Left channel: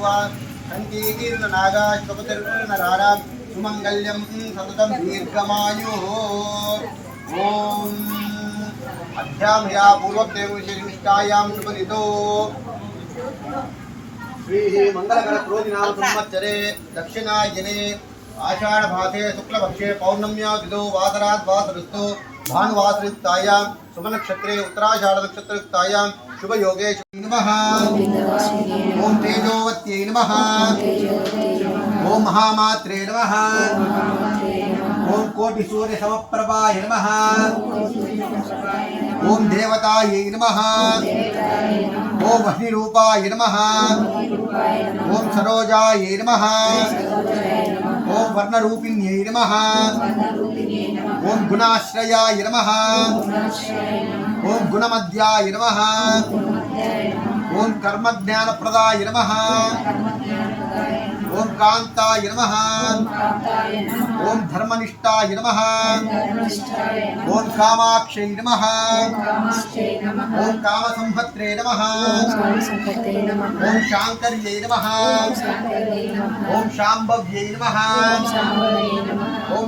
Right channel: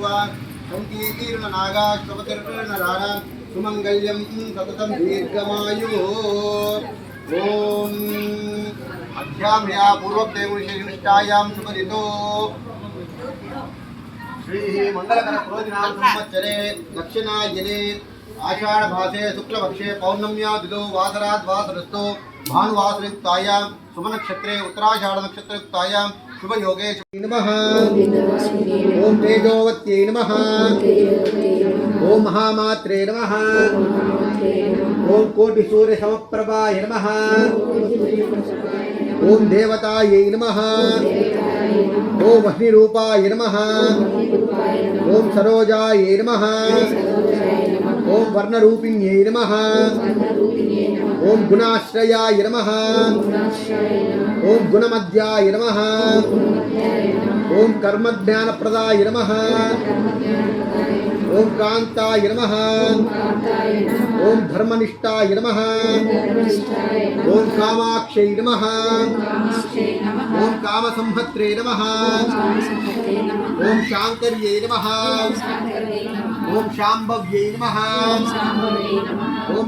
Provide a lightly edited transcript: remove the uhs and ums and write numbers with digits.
बभूव कंकीर्णनागाश्वपतिर्नराणां सुमंगल्यं सततं दीर्घमायुः ओम अध्यामया पूर्वदेवविशिष्टायां शुभरितो श्री मंगलकर क्रोधिनाम संवत्सरे दक्षिणायने आषाढ़मासे शुक्लपक्षे पौर्णम्या दिदो वासरात् वासरस्तु भानुवासरयुक्तायां सुमनक्षत्रे उत्तराषाढ़ नक्षत्रयुक्तायां शुभ योगे नमः ओम तेजोवत्यै नमः ओम महामात्रे नमः ओम कोटि सूर्य समप्रभाय नमः ओम देवतायै नमः ओम अग्निरूपाय नमः ओम सरोजायै नमः ओम वर्णरूपिण्यै नमः ओम गुणाश्रयाय नमः ओम गुणमध्याय नमः ओम कर्मज्ञानप्रदाय नमः ओम कांताय नमः ओम धर्मनिष्ठाय नमः ओम कामाक्षै नमः ओम कामसंहत्रे नमः ओम शांकर्यै नमः ओम शांभव्यै नमः ओम